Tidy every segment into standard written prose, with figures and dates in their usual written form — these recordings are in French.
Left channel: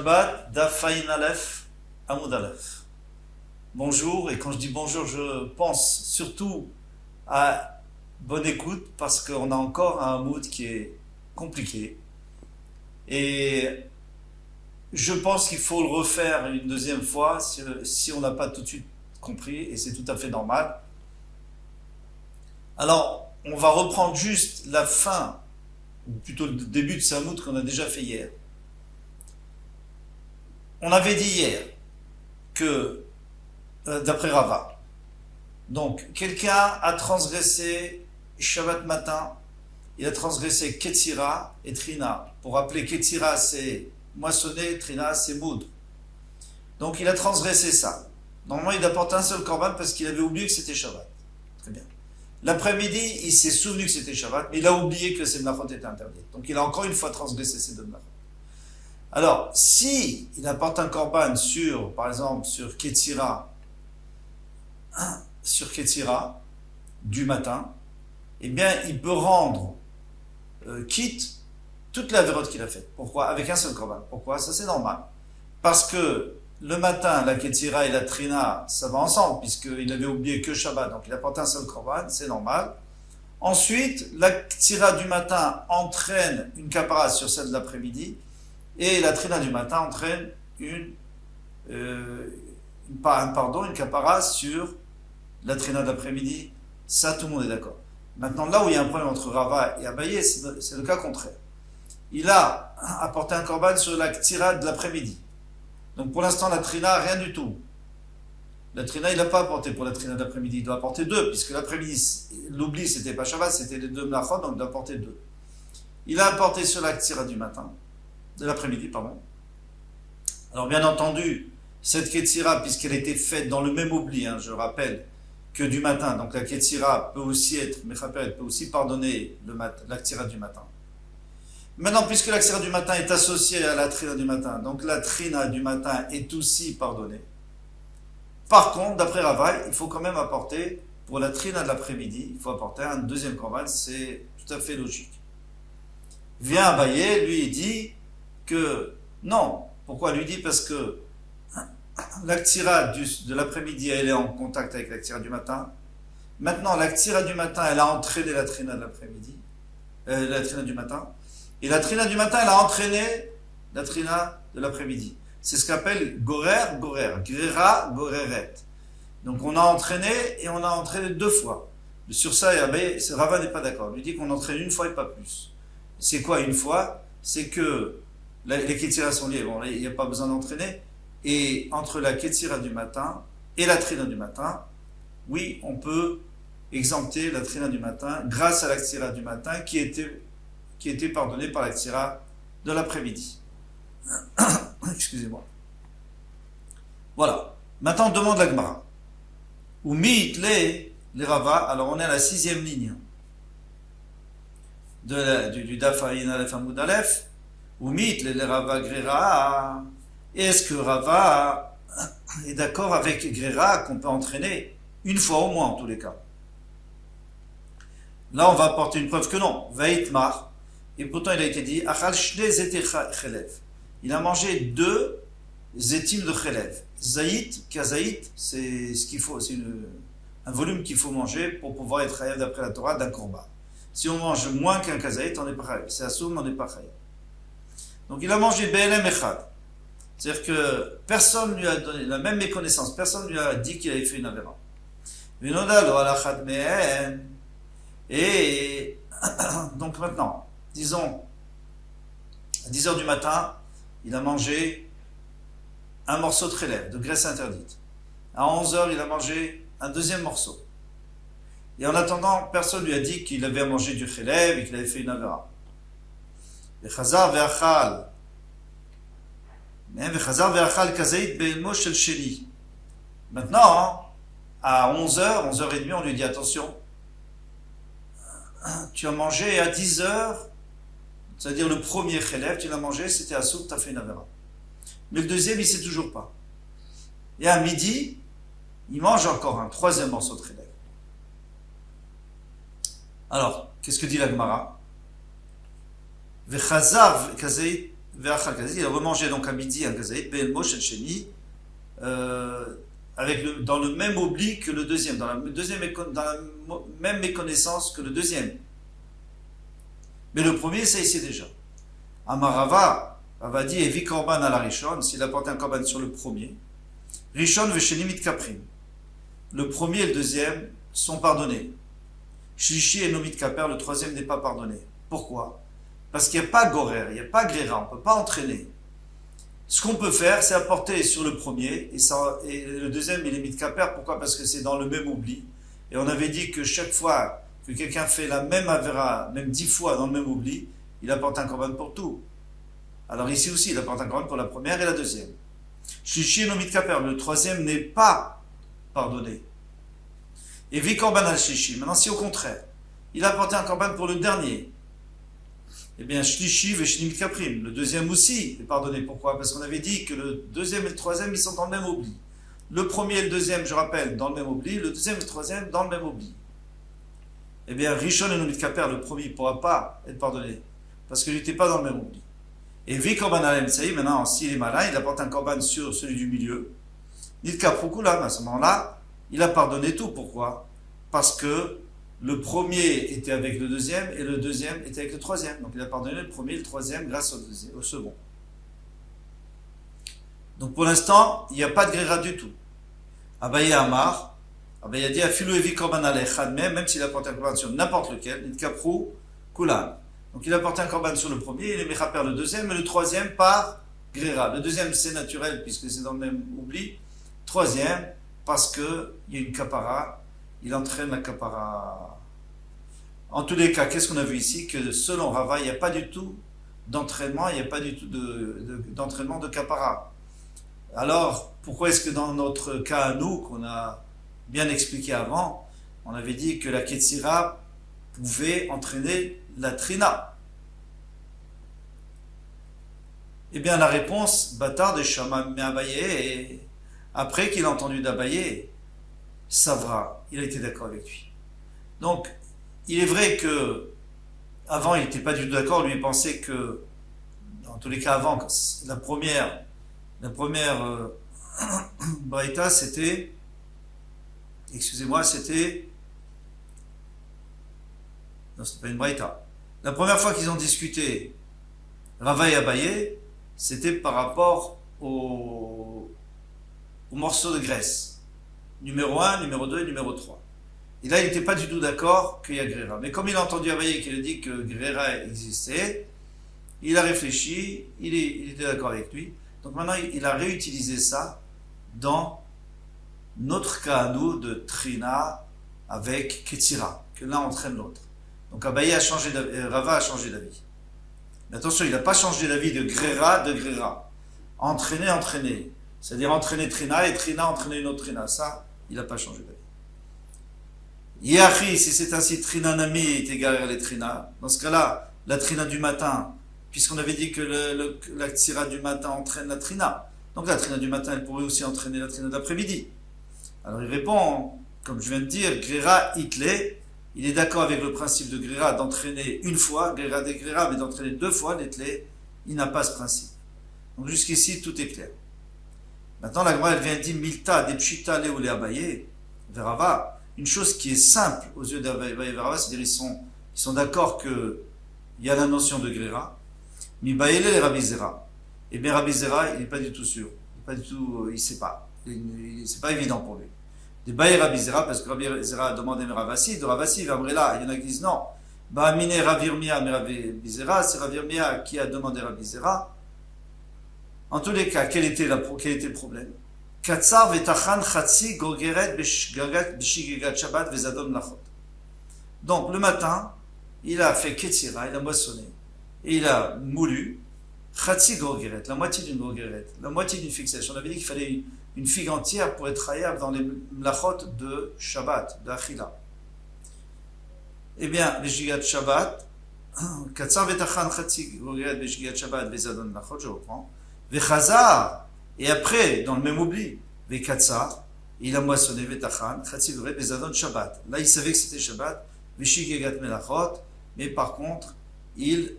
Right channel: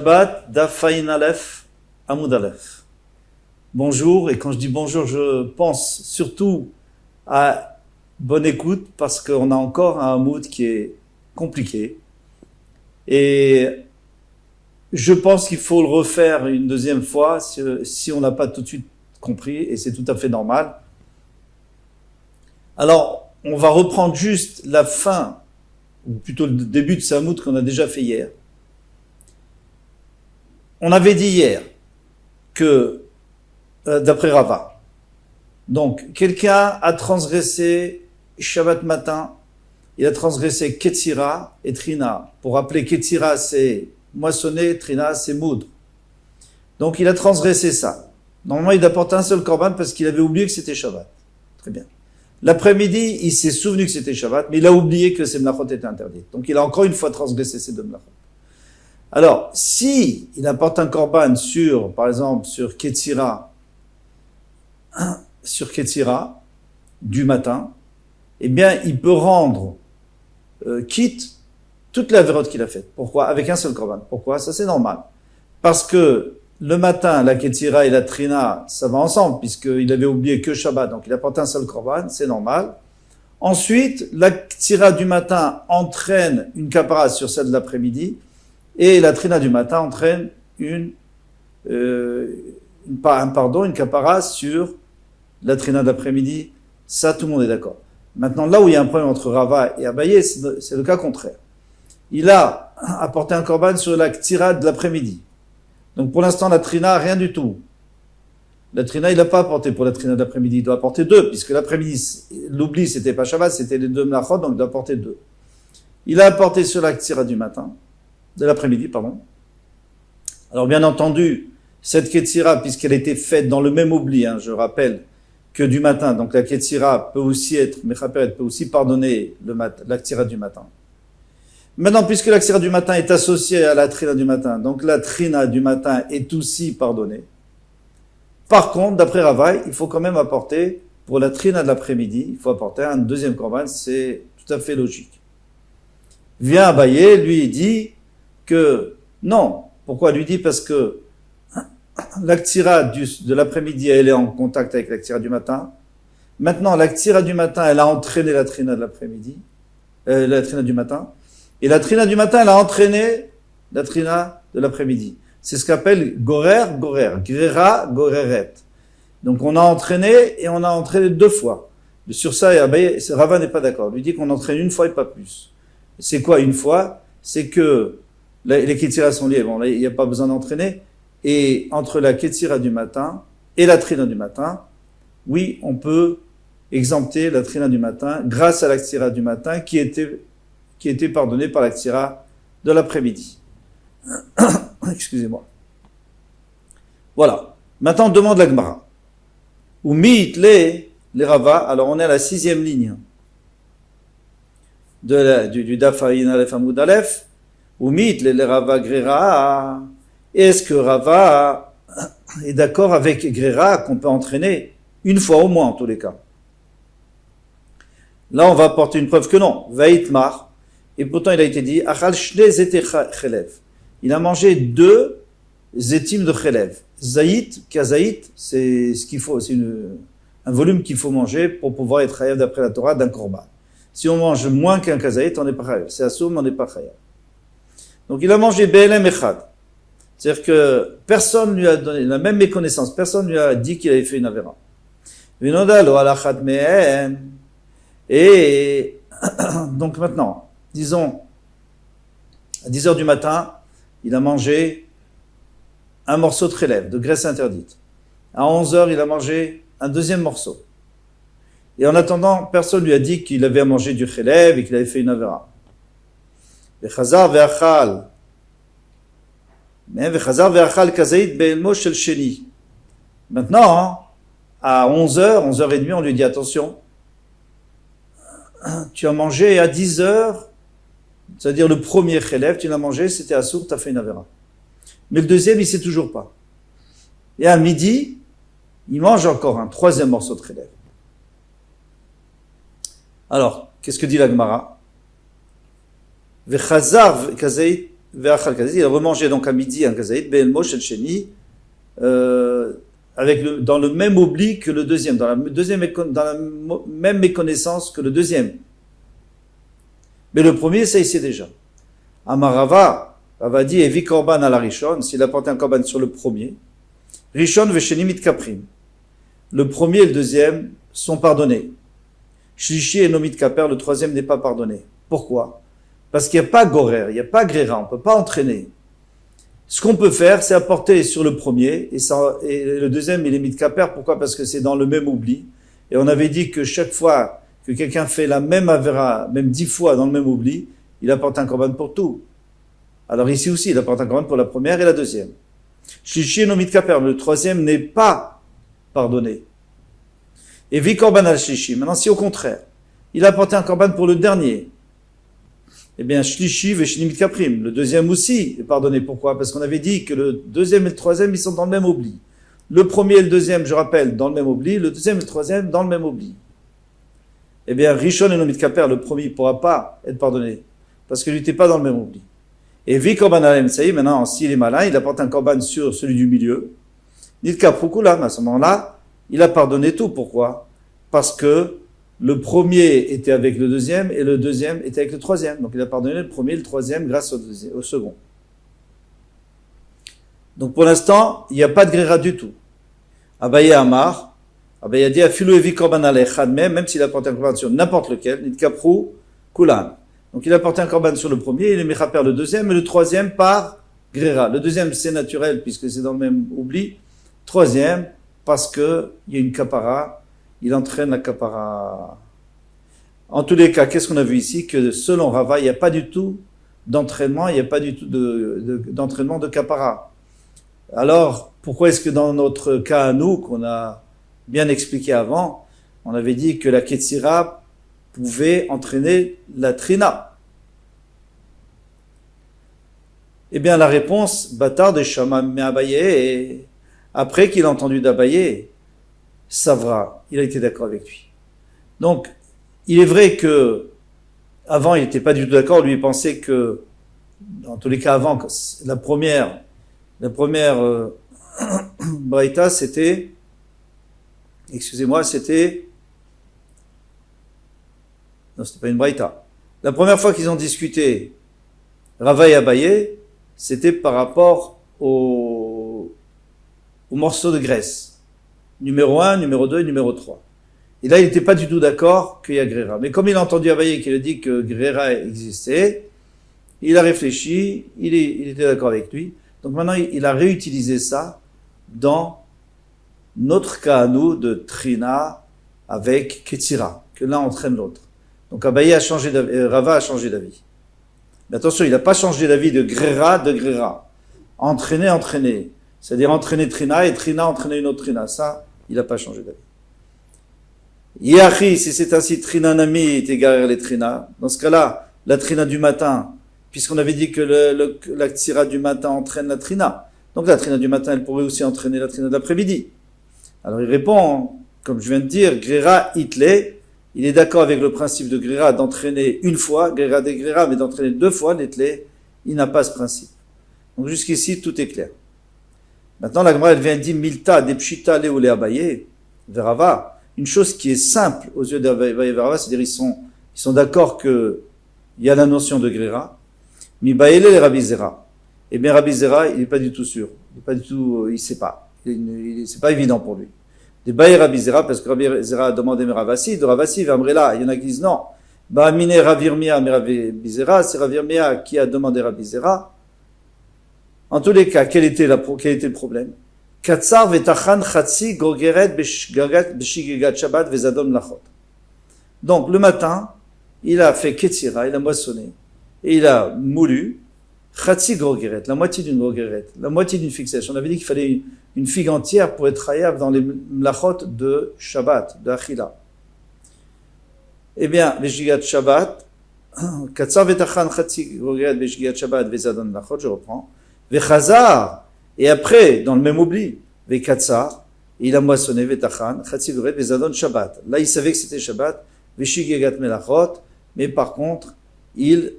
Shabbat, Daf Ayin Aleph, Amud Aleph. Bonjour, et quand je dis bonjour, je pense surtout à bonne écoute parce qu'on a encore un Amud qui est compliqué. Et je pense qu'il faut le refaire une deuxième fois si on n'a pas tout de suite compris, et c'est tout à fait normal. Alors, on va reprendre juste la fin, ou plutôt le début de ce Amud qu'on a déjà fait hier. On avait dit hier que, d'après Rava, donc quelqu'un a transgressé Shabbat matin, il a transgressé Ketzira et Trina. Pour rappeler, Ketzira c'est moissonner, Trina c'est moudre. Donc il a transgressé ça. Normalement il apporte un seul korban parce qu'il avait oublié que c'était Shabbat. Très bien. L'après-midi, il s'est souvenu que c'était Shabbat, mais il a oublié que ces mlachot étaient interdites. Donc il a encore une fois transgressé ces deux mlachot. Alors, si il apporte un korban sur, par exemple, sur Ketzira du matin, eh bien, il peut rendre quitte toute la vérote qu'il a faite. Pourquoi? Avec un seul korban. Pourquoi? Ça, c'est normal. Parce que le matin, la Ketzira et la Trina, ça va ensemble, puisqu'il avait oublié que Shabbat, donc il apporte un seul korban, c'est normal. Ensuite, la Ketzira du matin entraîne une kapara sur celle de l'après-midi, et la Trina du matin entraîne une kapara sur la Trina d'après-midi. Ça, tout le monde est d'accord. Maintenant, là où il y a un problème entre Rava et Abaye, c'est le cas contraire. Il a apporté un korban sur la Ktira de l'après-midi. Donc pour l'instant, la Trina, rien du tout. La Trina, il n'a pas apporté pour la Trina de l'après-midi. Il doit apporter deux, puisque l'après-midi, l'oubli, c'était pas Shabbat, c'était les deux mlachot, donc il doit apporter deux. Il a apporté sur la Ktira du matin, de l'après-midi, pardon. Alors bien entendu, cette Ketzira, puisqu'elle a été faite dans le même oubli, je rappelle, que du matin, donc la Ketzira peut aussi être, Mechaper peut aussi pardonner la Ketzira du matin. Maintenant, puisque la Ketzira du matin est associée à la Trina du matin, donc la Trina du matin est aussi pardonnée. Par contre, d'après Rava, il faut quand même apporter, pour la Trina de l'après-midi, il faut apporter un deuxième korban, c'est tout à fait logique. Vient Abaye, lui, il dit que non. Pourquoi? Lui dit parce que la Ktira de l'après-midi, elle est en contact avec la Ktira du matin. Maintenant, la Ktira du matin, elle a entraîné la Trina de l'après-midi, la Trina du matin. Et la Trina du matin, elle a entraîné la Trina de l'après-midi. C'est ce qu'appelle Gorer, Grera, Goreret. Donc on a entraîné et on a entraîné deux fois. Sur ça, Rava n'est pas d'accord. Il lui dit qu'on entraîne une fois et pas plus. C'est quoi une fois? C'est que les Ketzira sont liés. Bon, là, il n'y a pas besoin d'entraîner. Et entre la Ketzira du matin et la Trina du matin, oui, on peut exempter la Trina du matin grâce à la Ketzira du matin qui était pardonnée par la Ketzira de l'après-midi. Excusez-moi. Voilà. Maintenant, on demande la Gemara. Ou mit les Rava. Alors, on est à la 6e ligne du Daf Ayin Aleph Amud Aleph. Ou mit les Rava Grera. Est-ce que Rava est d'accord avec Grera qu'on peut entraîner une fois au moins en tous les cas? Là, on va apporter une preuve que non. Vaïtmar. Et pourtant, il a été dit Achal shne zete chelev. Il a mangé deux zétim de chelev. Zaït, kazaït, c'est ce qu'il faut, c'est un volume qu'il faut manger pour pouvoir être chayav d'après la Torah d'un korban. Si on mange moins qu'un kazaït, on n'est pas chayav. C'est assoum, on n'est pas chayav. Donc il a mangé BLM Echad. C'est-à-dire que personne lui a donné la même méconnaissance, personne lui a dit qu'il avait fait une avéra. Et donc maintenant, disons, à 10h du matin, il a mangé un morceau de chélève, de graisse interdite. À 11h, il a mangé un deuxième morceau. Et en attendant, personne lui a dit qu'il avait mangé du chélève et qu'il avait fait une avéra. Vechazar ve'achal. Maintenant, à 11h, 11h30, on lui dit attention, tu as mangé à 10h, c'est-à-dire le premier chélève, tu l'as mangé, c'était à souk, tu as fait une avéra. Mais le deuxième, il ne sait toujours pas. Et à midi, il mange encore un troisième morceau de chélève. Alors, qu'est-ce que dit la Gemara? Vechazar ve'achal kazait, il a remangé donc à midi un kazait, be'elmo shel sheni, dans le même oubli que le deuxième, dans la même méconnaissance que le deuxième. Mais le premier, ça il sait déjà. Amarava, Rava dit, evi korban à la rishon, s'il a porté un korban sur le premier, rishon ve'sheni mitkaprim. Le premier et le deuxième sont pardonnés. Shlishi et nomit kaper, le troisième n'est pas pardonné. Pourquoi? Parce qu'il n'y a pas gorer, il n'y a pas gréra, on ne peut pas entraîner. Ce qu'on peut faire, c'est apporter sur le premier, et le deuxième, il est mitkaper. Pourquoi? Parce que c'est dans le même oubli. Et on avait dit que chaque fois que quelqu'un fait la même avera, même 10 fois dans le même oubli, il apporte un korban pour tout. Alors ici aussi, il apporte un korban pour la première et la deuxième. Shlishi no mitkaper, le troisième n'est pas pardonné. Et vi korban al shlishi. Maintenant, si au contraire, il a apporté un korban pour le dernier, eh bien, shlishi veshini mitkaprim, le deuxième aussi est pardonné. Pourquoi? Parce qu'on avait dit que le deuxième et le troisième, ils sont dans le même oubli. Le premier et le deuxième, je rappelle, dans le même oubli, le deuxième et le troisième, dans le même oubli. Eh bien, rishon et no mitkaper, le premier, il ne pourra pas être pardonné, parce qu'il n'était pas dans le même oubli. Et vi korban al emsaï, maintenant, s'il est malin, il apporte un korban sur celui du milieu. Nitka prukulam, à ce moment-là, il a pardonné tout. Pourquoi? Parce que le premier était avec le deuxième et le deuxième était avec le troisième. Donc il a pardonné le premier et le troisième grâce au second. Donc pour l'instant, il n'y a pas de gréra du tout. Abaye Amar, Abaye a dit Afilu evi korban alechad, même s'il a porté un korban sur n'importe lequel, nitkapru kulan. Donc il a porté un korban sur le premier, il est mechaper le deuxième, et le troisième par gréra. Le deuxième c'est naturel puisque c'est dans le même oubli. Troisième, parce qu'il y a une kapara, il entraîne la kapara. En tous les cas, qu'est-ce qu'on a vu ici? Que selon Rava, il n'y a pas du tout d'entraînement, il n'y a pas du tout d'entraînement de kapara. Alors, pourquoi est-ce que dans notre cas à nous, qu'on a bien expliqué avant, on avait dit que la Ketzira pouvait entraîner la Trina? Eh bien, la réponse, Batar de Shama Abaye, après qu'il a entendu d'Abaye, Savra, il a été d'accord avec lui. Donc, il est vrai que avant, il n'était pas du tout d'accord. Lui, il pensait que, dans tous les cas, avant, la première Braïta, c'était, excusez-moi, c'était, non, c'était pas une Braïta. La première fois qu'ils ont discuté, Rava et Abaye, c'était par rapport au morceau de graisse. Numéro 1, numéro 2 et numéro 3. Et là, il n'était pas du tout d'accord qu'il y a Gréra. Mais comme il a entendu Abaye qui a dit que Gréra existait, il a réfléchi, il était d'accord avec lui. Donc maintenant, il a réutilisé ça dans notre cas à nous de Trina avec Ketzira, que l'un entraîne l'autre. Donc Abaye a changé d'avis, Rava a changé d'avis. Mais attention, il n'a pas changé d'avis de Gréra. Entraîner. C'est-à-dire entraîner Trina et Trina entraîner une autre Trina. Ça, il n'a pas changé d'avis. Yachi, si c'est ainsi, Trina Nami est égaré les Trina. Dans ce cas-là, la Trina du matin, puisqu'on avait dit que la Tsira du matin entraîne la Trina. Donc la Trina du matin, elle pourrait aussi entraîner la Trina de l'après-midi. Alors il répond, comme je viens de dire, Gréra Hitlé, il est d'accord avec le principe de Gréra d'entraîner une fois, Gréra des Gréra, mais d'entraîner 2 fois l'Hitlé, il n'a pas ce principe. Donc jusqu'ici, tout est clair. Maintenant, la Gemara, elle vient dire Milta, Depshita, Léoulé Abaye, Verava, une chose qui est simple aux yeux d'Abaye et Verava, c'est-à-dire ils sont d'accord qu'il y a la notion de Gréra, Mi Baële et Rabbi Zera. Eh bien, Rabbi Zera, il n'est pas du tout sûr. Il ne sait pas. C'est pas évident pour lui. Des Baël Rabbi Zera, parce que Rabbi Zera a demandé Ravasi, de Ravasi vers Amrela. Il y en a qui disent non. Bah, Mine Ravirmia, mais Rabbi Zera, c'est Ravirmia qui a demandé Rabbi Zera. En tous les cas, quel était le problème? Katsar vetachan chatsi gorgeret beshigegat shabbat vezadon lachot. Donc, le matin, il a fait ketzira, il a moissonné, et il a moulu chatsi gorgeret, la moitié d'une gorgeret, la moitié d'une fixation. On avait dit qu'il fallait une figue entière pour être hayab dans les mlachot de Shabbat, de Achila. Eh bien, beshigat Shabbat, Katsar vetachan chatsi gorgeret beshigat Shabbat vezadon lachot, je reprends. Vechazar, et après, dans le même oubli, Vekatsar, il a moissonné, Vetachan, Chatsi Goret, Vezadon Shabbat. Là, il savait que c'était Shabbat, Veshigegat Melachot, mais par contre, il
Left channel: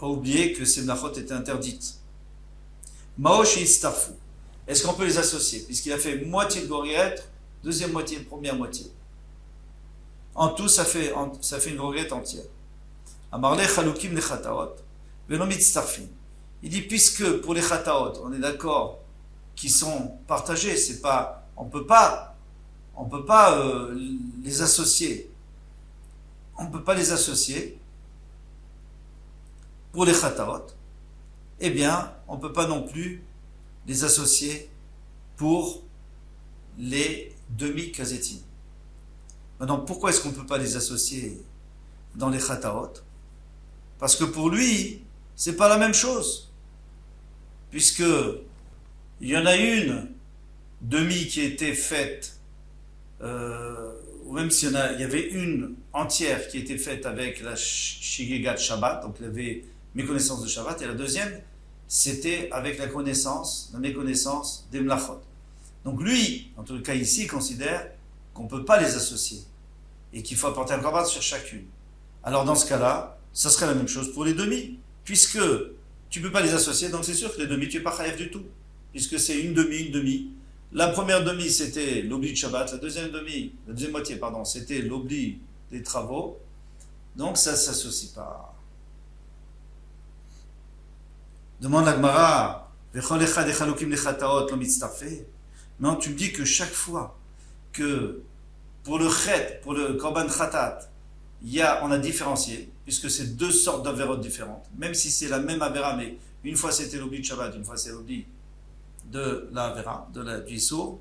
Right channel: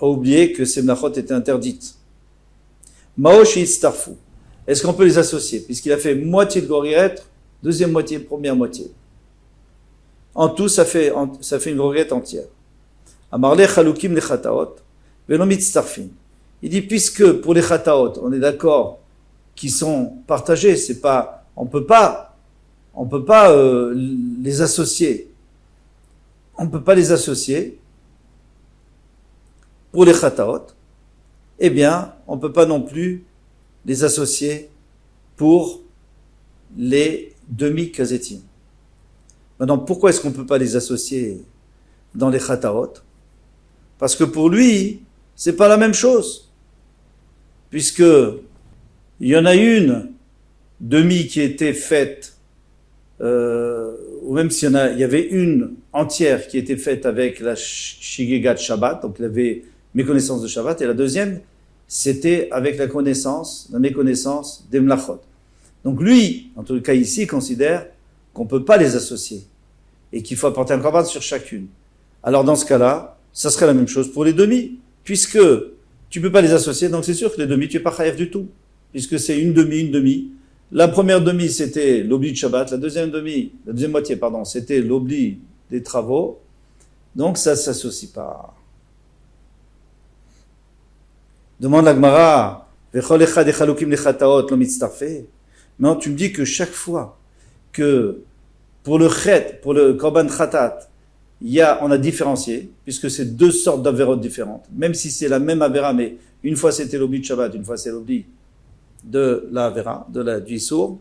a oublié que ces mlachot étaient interdites. Maoshi Starfou. Est-ce qu'on peut les associer? Puisqu'il a fait moitié de Goriret, deuxième moitié, première moitié. En tout, ça fait une Goriret entière. Amarle Chalukim le Chataot, Velomit Starfin. Il dit, puisque pour les Chataot, on est d'accord qu'ils sont partagés, c'est pas, on peut pas les associer. On ne peut pas les associer pour les Chataot. Eh bien, on ne peut pas non plus les associer pour les demi-kazetim. Maintenant, pourquoi est-ce qu'on ne peut pas les associer dans les Chataot? Parce que pour lui, c'est pas la même chose. Puisque il y en a une demi qui était faite, ou même s'il y avait une entière qui était faite avec la Shigegat Shabbat, donc il avait méconnaissance de Shabbat, et la deuxième, c'était avec la méconnaissance des Mlachot. Donc lui, en tout cas ici, considère qu'on ne peut pas les associer, et qu'il faut apporter un korban sur chacune. Alors dans ce cas-là, ça serait la même chose pour les demi, puisque tu ne peux pas les associer, donc c'est sûr que les demi, tu n'es pas chayav du tout, puisque c'est une demi. La première demi, c'était l'obli de Shabbat, la deuxième moitié, c'était l'obli des travaux, donc ça ne s'associe pas. Demande la Gemara, non, tu me dis que chaque fois que pour le korban khatat, on a différencié, puisque c'est deux sortes d'avérotes différentes, même si c'est la même avéra, mais une fois c'était l'obli de Shabbat, une fois c'est l'obli de la avéra, du Issour.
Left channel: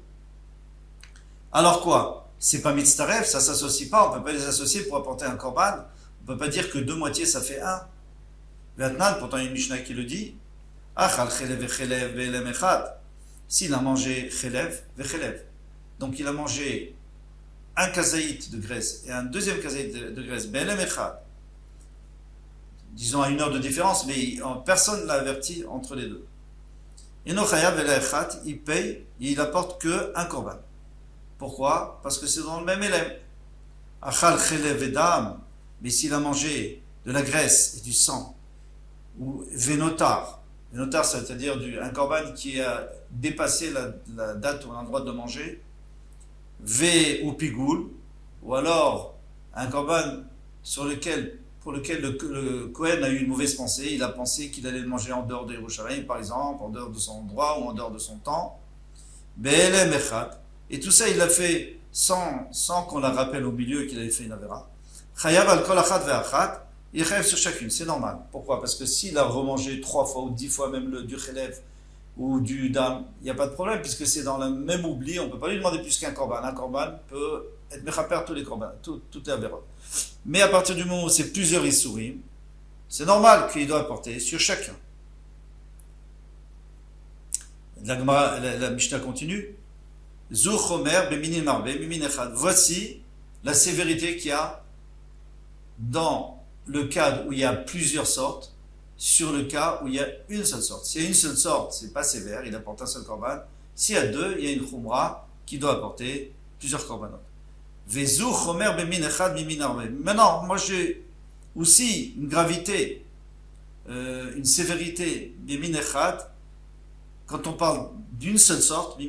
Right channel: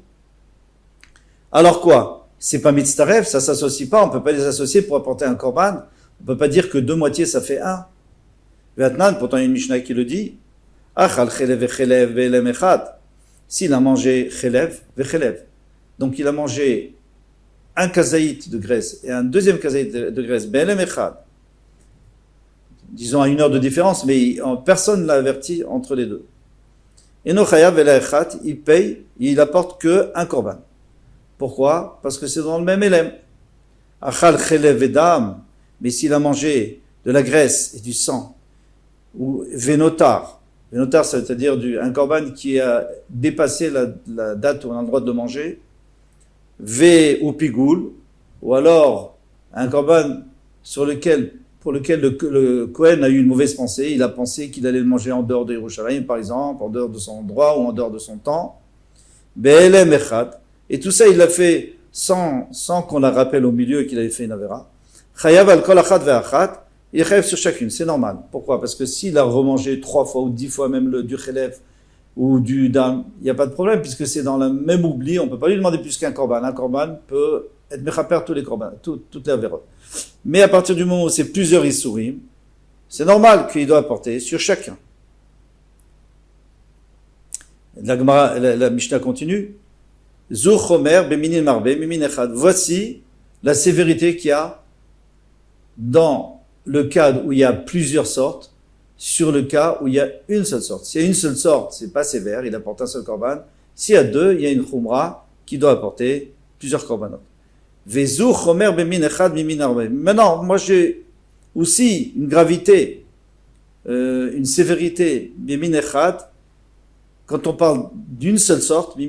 Alors quoi? C'est pas mitztarev, ça s'associe pas, on peut pas les associer pour apporter un korban, on peut pas dire que deux moitiés ça fait un. Maintenant, pourtant il y a une Mishnah qui le dit, achal chelev vechelev ve'elem echad. S'il a mangé chelev vechelev, donc il a mangé un kazaït de graisse et un deuxième kazaït de graisse, be'elem echad, disons à 1 heure de différence, mais personne ne l'a averti entre les deux. Et no chayav ela echad, il paye, il apporte que un korban. Pourquoi? Parce que c'est dans le même élème. Achal chelev vedam, mais s'il a mangé de la graisse et du sang, ou venotar, c'est-à-dire un korban qui a dépassé la date où on a le droit de manger, ve ou pigoul, ou alors un korban pour lequel le Kohen a eu une mauvaise pensée, il a pensé qu'il allait le manger en dehors de Yerushalayim, par exemple, en dehors de son endroit ou en dehors de son temps, be'elem echad, et tout ça il l'a fait sans qu'on la rappelle au milieu qu'il avait fait une avéra. Chayav al kol achad ve'achad, il rêve sur chacune, c'est normal. Pourquoi? Parce que s'il a remangé 3 fois ou 10 fois même du chelev ou du dam, il n'y a pas de problème, puisque c'est dans le même oubli, on ne peut pas lui demander plus qu'un korban. Un korban peut être mechaper tous les korban, toutes les avérotes. Mais à partir du moment où c'est plusieurs issourim, c'est normal qu'il doit apporter sur chacun. La Mishnah continue. Voici la sévérité qu'il y a dans le cas où il y a plusieurs sortes, sur le cas où il y a une seule sorte. S'il y a une seule sorte, c'est pas sévère, il apporte un seul korban. S'il y a deux, il y a une khumra qui doit apporter plusieurs korbanot. Maintenant, moi j'ai aussi une gravité, une sévérité, quand on parle d'une seule sorte,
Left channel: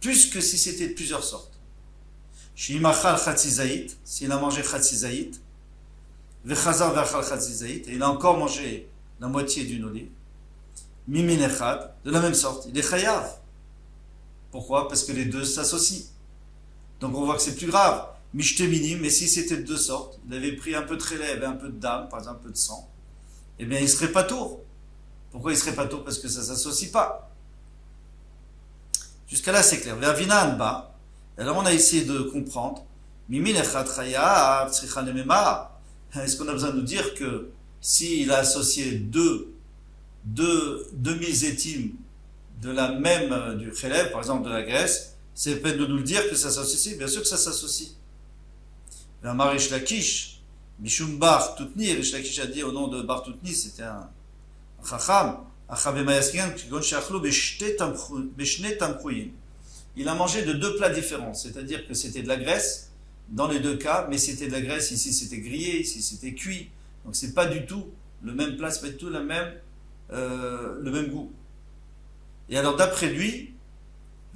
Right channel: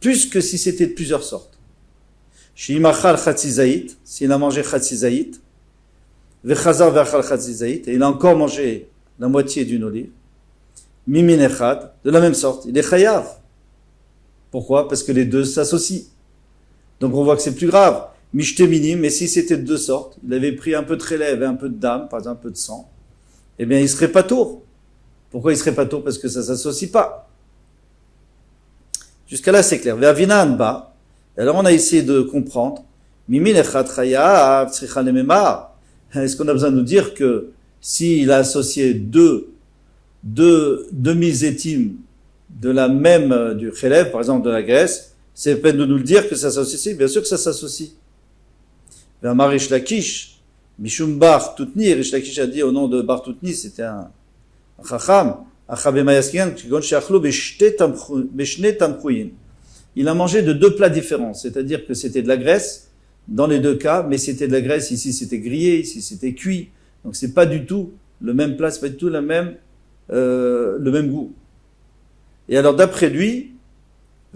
plus que si c'était de plusieurs sortes. S'il a mangé chatzizayit, et il a encore mangé la moitié d'une olive, mimin echad, de la même sorte, il est chayav. Pourquoi? Parce que les deux s'associent. Donc on voit que c'est plus grave. Mishte minim, mais si c'était de deux sortes, il avait pris un peu de chélève et un peu de dam, par exemple un peu de sang, eh bien il serait pas tour. Pourquoi il serait pas tour? Parce que ça s'associe pas. Jusqu'à là c'est clair. Ve'avina anba. Alors on a essayé de comprendre. Mimin echad chayav, tzricha lemema. Est-ce qu'on a besoin de nous dire que s'il a associé deux demi-zétim de la même, du chélève, par exemple de la graisse, c'est peine de nous le dire que ça s'associe? Bien sûr que ça s'associe. Amar Rish Lakish, Mishum Bar Toutni, Rish Lakish a dit au nom de Bar Toutni, c'était un chacham, il a mangé de deux plats différents, c'est-à-dire que c'était de la graisse dans les deux cas, mais c'était de la graisse, ici c'était grillé, ici c'était cuit, donc c'est pas du tout le même plat, c'est pas du tout le même goût. Et alors d'après lui,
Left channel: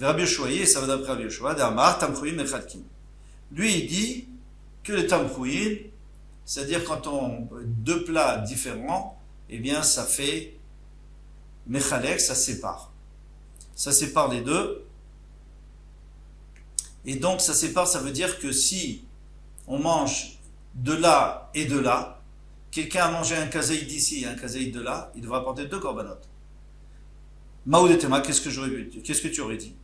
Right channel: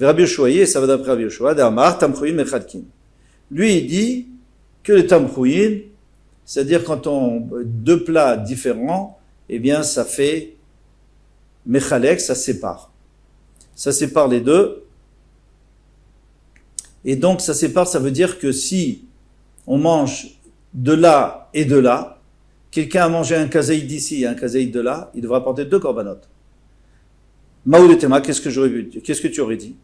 Rabbi Yoshua, ça va d'après Rabbi Yoshua, d'Amar tamchouyin mechadkin. Lui il dit que les tamchouyin, c'est-à-dire quand on deux plats différents, eh bien ça fait mechalek, ça sépare. Ça sépare les deux. Et donc ça sépare, ça veut dire que si on mange de là et de là, quelqu'un a mangé un kazaïd d'ici et un kazaïd de là, il devra apporter 2 korbanot. Maoudetema, qu'est-ce que tu aurais dit?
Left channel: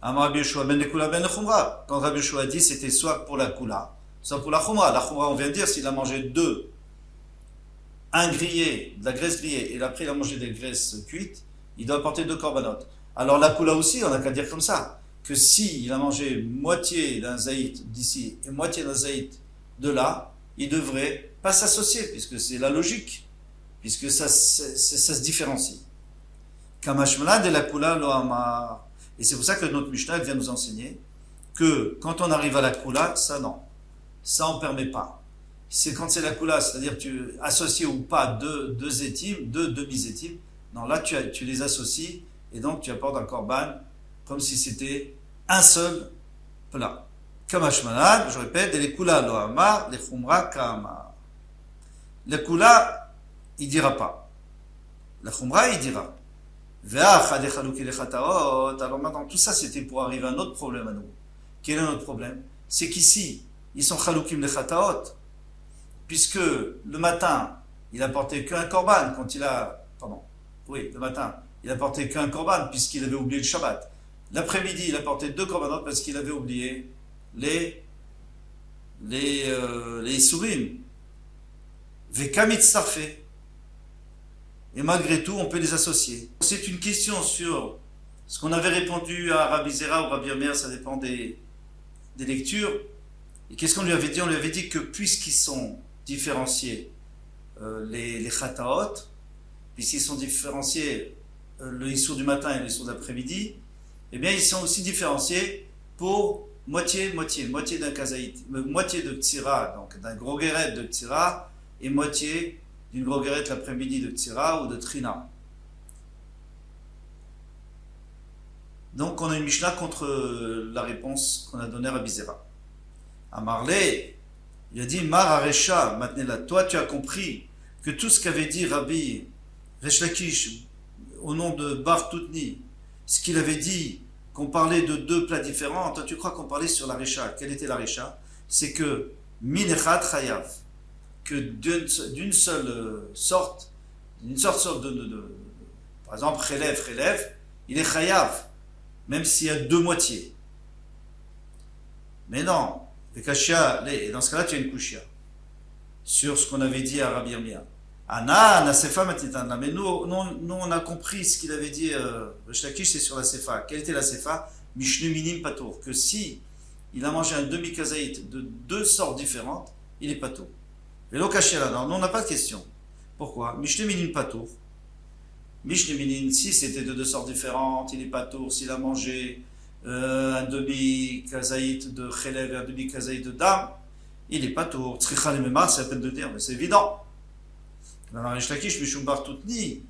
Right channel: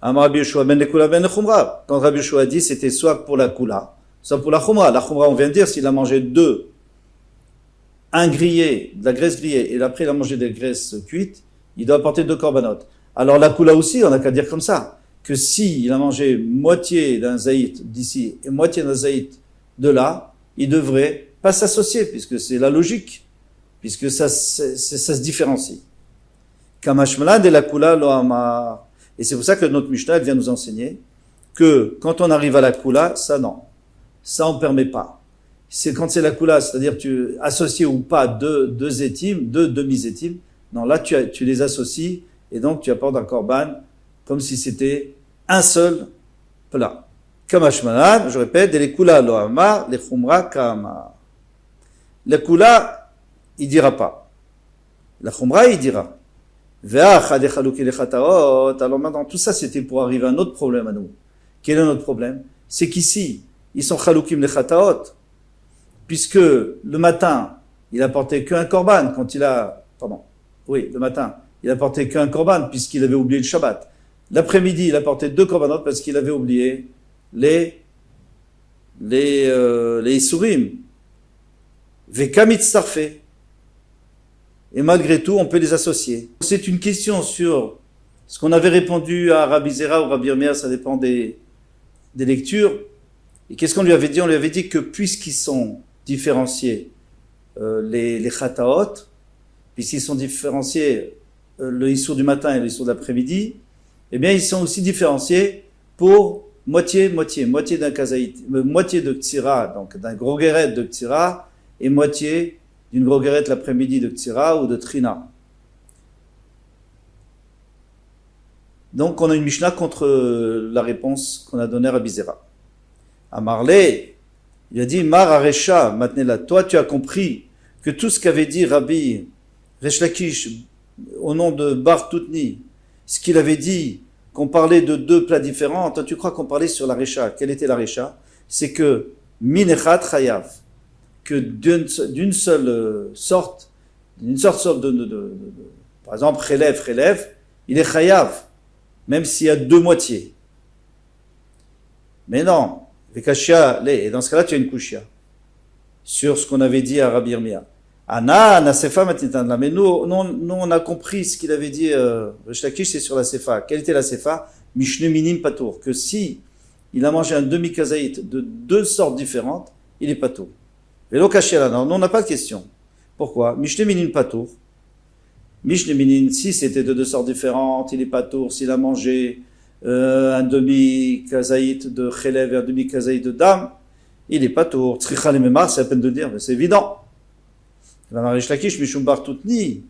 Amar Rabbi Yoshua ben lekula ben lechumra. Quand Rabbi Yoshua a dit, c'était soit pour la kula, soit pour la chumra. La chumra, on vient de dire, s'il a mangé un grillé, de la graisse grillée, et après il a mangé de la graisse cuite, il doit apporter 2 korbanot. Alors la kula aussi, on n'a qu'à dire comme ça, que si il a mangé moitié d'un zaït d'ici et moitié d'un zaït de là, il devrait pas s'associer, puisque c'est la logique, puisque ça se différencie. Kamashmala de la kula lo amar. Et c'est pour ça que notre Mishnah vient nous enseigner que quand on arrive à la kula, ça non. Ça on permet pas. C'est quand c'est la kula, c'est-à-dire tu associes ou pas deux zétim, deux demi-zétim, non, là tu les associes et donc tu apportes un korban comme si c'était un seul plat. Kamashmala, je répète, de la kula lo amar, le chumra kama. La kula, il dira pas. La chumra, il dira. Alors maintenant, tout ça, c'était pour arriver à un autre problème à nous. Quel est notre problème? C'est qu'ici, ils sont chaloukim les chataot, puisque le matin, il apportait qu'un korban le matin, il apportait qu'un korban puisqu'il avait oublié le Shabbat. L'après-midi, il apportait 2 korbanot parce qu'il avait oublié les isurim. Vekamit sarfé. Et malgré tout, on peut les associer. C'est une question sur ce qu'on avait répondu à Rabbi Zera ou Rabbi Yirmiyah, ça dépend des lectures. Et qu'est-ce qu'on lui avait dit? On lui avait dit que puisqu'ils sont différenciés, les chataot, puisqu'ils sont différenciés le issour du matin et le issour de l'après-midi, eh bien ils sont aussi différenciés pour moitié d'un kazaït, moitié de ktira, donc d'un gros guéret de ktira, et moitié d'une groguerette l'après-midi de Ktira ou de Trina. Donc on a une Mishnah contre la réponse qu'on a donnée à Rabbi Zera. À Marley, il a dit Mar Aresha, Matnela, toi tu as compris que tout ce qu'avait dit Rabbi Resh Lakish au nom de Bar Toutni, ce qu'il avait dit, qu'on parlait de 2 plats différents, toi tu crois qu'on parlait sur la Resha. Quelle était la Resha? C'est que Minechat Chayav, que d'une seule sorte, par exemple, relève, il est chayav, même s'il y a 2 moitiés. Mais non, et dans ce cas-là, tu as une kushia sur ce qu'on avait dit à Rabbi Yirmiyah. Mais nous, on a compris ce qu'il avait dit, Resh Lakish, c'est sur la sefa. Quelle était la sefa? Mishne minim patour. Que si il a mangé un demi-kazaït de 2 sortes différentes, il est patour. Vélo caché là, non, on n'a pas de question. Pourquoi? Mishne minin patour. Mishne minin, si c'était de 2 sortes différentes, il est patour. S'il a mangé un demi-kazaït de chelev et un demi-kazaït de dam, il est patour. Tzricha le memar, c'est à peine de dire, mais c'est évident. Resh Lakish mishum bar toutni.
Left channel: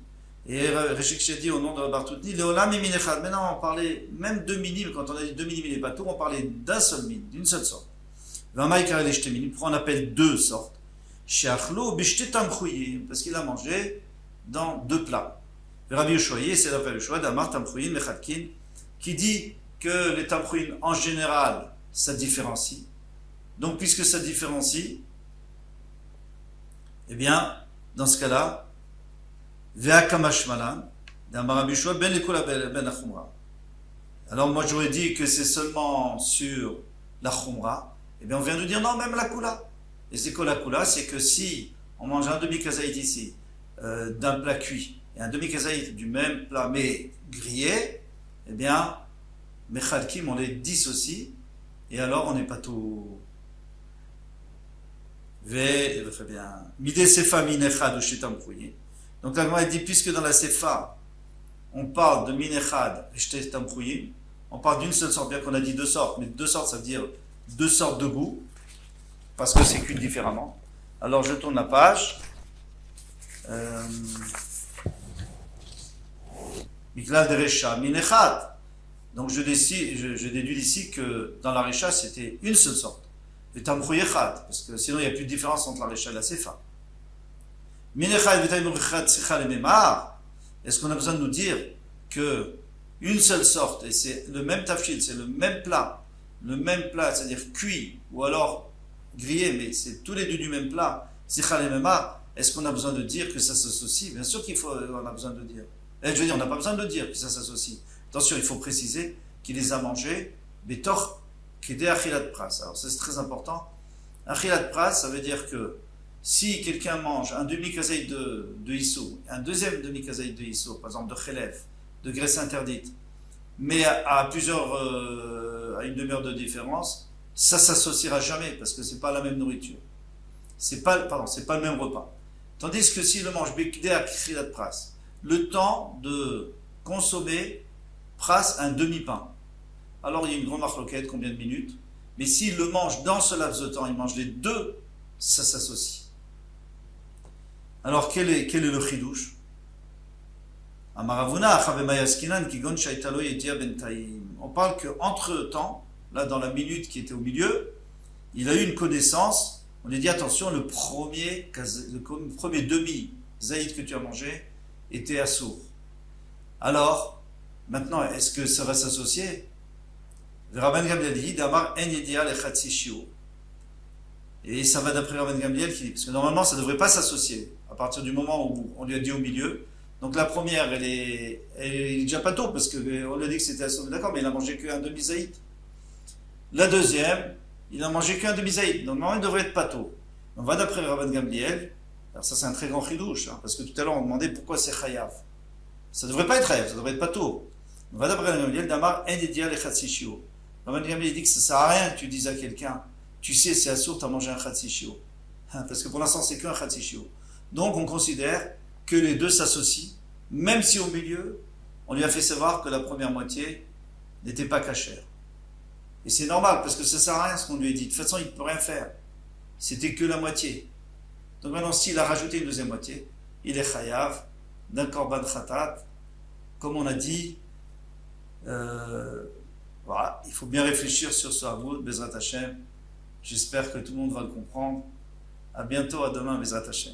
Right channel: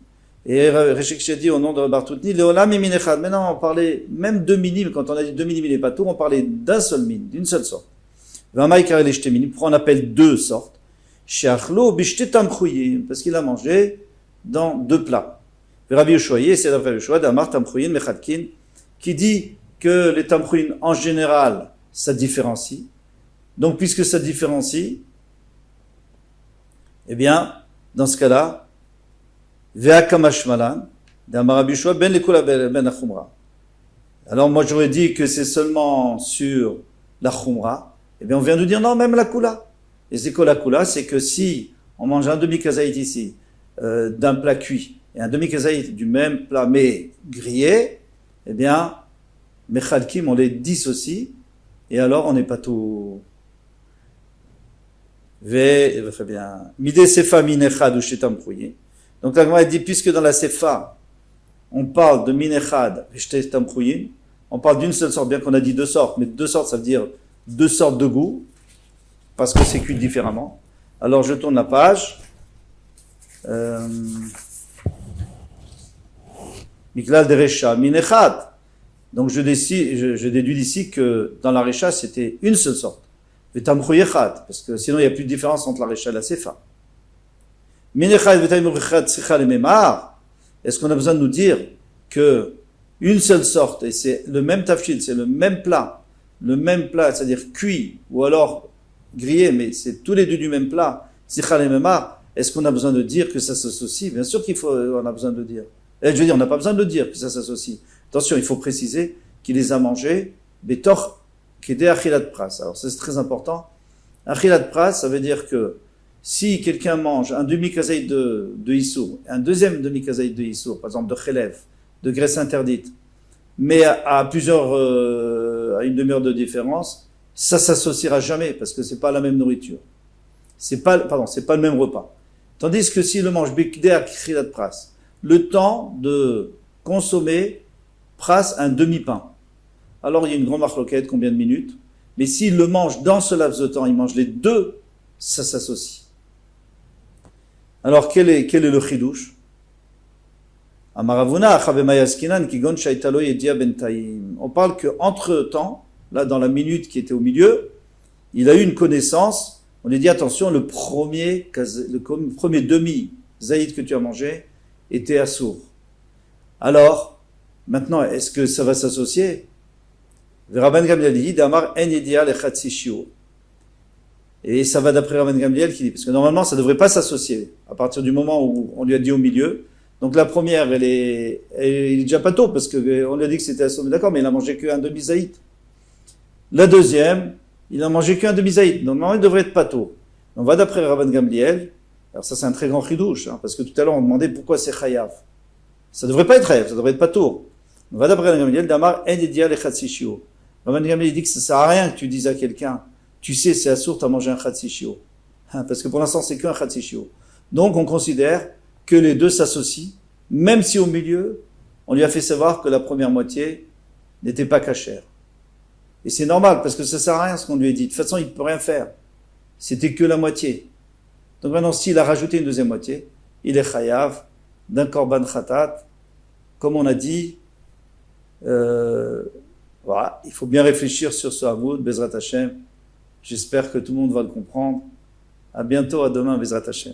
Et Resh Lakish a dit au nom de bar toutni, leolam et minechad. Maintenant, on parlait même 2 minim, quand on a dit 2 minim, il est patour, on parlait d'un seul min, d'une seule sorte. Pourquoi on appelle 2 sortes? Parce qu'il a mangé dans 2 plats. Rabbi Yoshua, c'est Rabbi Yoshua d'Amar Tamchouyin Mechadkin, qui dit que les tamchouyin en général, ça différencie. Donc, puisque ça différencie, eh bien, dans ce cas-là, Ve'akamashmalan, d'Amar Rabbi Yoshua ben lekula ben achumra. Alors, moi, j'aurais dit que c'est seulement sur la chumra. Eh bien, on vient de dire non, même la kula. Et c'est quoi la kula? C'est que si on mange un demi-kazaït ici, d'un plat cuit, et un demi-kazaït du même plat, mais grillé, eh bien, mechalkim, on les dissocie, et alors on n'est pas tout. Très bien. Midé sefa minechad ou shetam prouillé. Donc la Gemara dit, puisque dans la sefa, on parle de minechad et shetam prouillé, on parle d'une seule sorte, bien qu'on a dit 2 sortes, mais 2 sortes, ça veut dire 2 sortes de goût, parce que c'est cuit différemment. Alors je tourne la page. Miklal de Recha, Minechad. Donc je déduis d'ici que dans la Recha, c'était une seule sorte. Vetamchuyechad, parce que sinon il n'y a plus de différence entre la Recha et la Sefa. Minechad, Vetamchuyechad, Sicha, le Memar. Est-ce qu'on a besoin de nous dire que une seule sorte, et c'est le même tafshil, c'est le même plat, c'est-à-dire cuit, ou alors grillé, mais c'est tous les deux du même plat, Sicha, le Memar. Est-ce qu'on a besoin de dire que ça s'associe? Bien sûr on a besoin de dire. Je veux dire, on n'a pas besoin de dire que ça s'associe. Attention, il faut préciser qu'il les a mangés, betor kede achilat pras. Alors, c'est très important. Achilat pras, ça veut dire que si quelqu'un mange un demi-kazaït de issour, un deuxième demi-kazaït de issour, par exemple de chelev, de graisse interdite, mais à une demi-heure de différence, ça s'associera jamais parce que c'est pas la même nourriture. C'est pas le même repas. Tandis que s'il le mange bekde achilat pras, le temps de consommer pras un demi-pain. Alors il y a une grande marloquette, combien de minutes? Mais s'il le mange dans ce laps de temps, il mange les deux, ça s'associe. Alors quel est le chidouche? On parle qu'entre temps, là dans la minute qui était au milieu, il a eu une connaissance. On lui dit attention, le premier demi-zaïd que tu as mangé était assourd. Alors, maintenant, est-ce que ça va s'associer? Et ça va d'après Rabban Gamliel qui dit, parce que normalement ça ne devrait pas s'associer, à partir du moment où on lui a dit au milieu. Donc la première, elle est déjà pas tôt, parce qu'on lui a dit que c'était assourd, d'accord, mais il a mangé qu'un demi-zaïd. La deuxième, il a mangé qu'un demi-zaïd, donc normalement il devrait être pas tôt. On va d'après Rabban Gamliel. Alors ça c'est un très grand chidouche, parce que tout à l'heure on demandait pourquoi c'est chayav. Ça devrait pas être rêve, ça devrait être pas tôt. On va d'après Rabban Gamliel, Damar en edia le chatzishio. Rabban Gamliel dit que ça sert à rien que tu dises à quelqu'un, tu sais c'est assourd, tu as mangé un chatzishio. Parce que pour l'instant c'est qu'un chatzishio. Donc on considère que les deux s'associent, même si au milieu on lui a fait savoir que la première moitié n'était pas cachère. Et c'est normal, parce que ça sert à rien ce qu'on lui a dit. De toute façon il ne peut rien faire. C'était que la moitié. Donc maintenant, s'il a rajouté une deuxième moitié, il est chayav d'un korban khatat. Comme on a dit, voilà, il faut bien réfléchir sur ce Havoud, Bezrat Hashem. J'espère que tout le monde va le comprendre. À bientôt, à demain, Bezrat Hashem.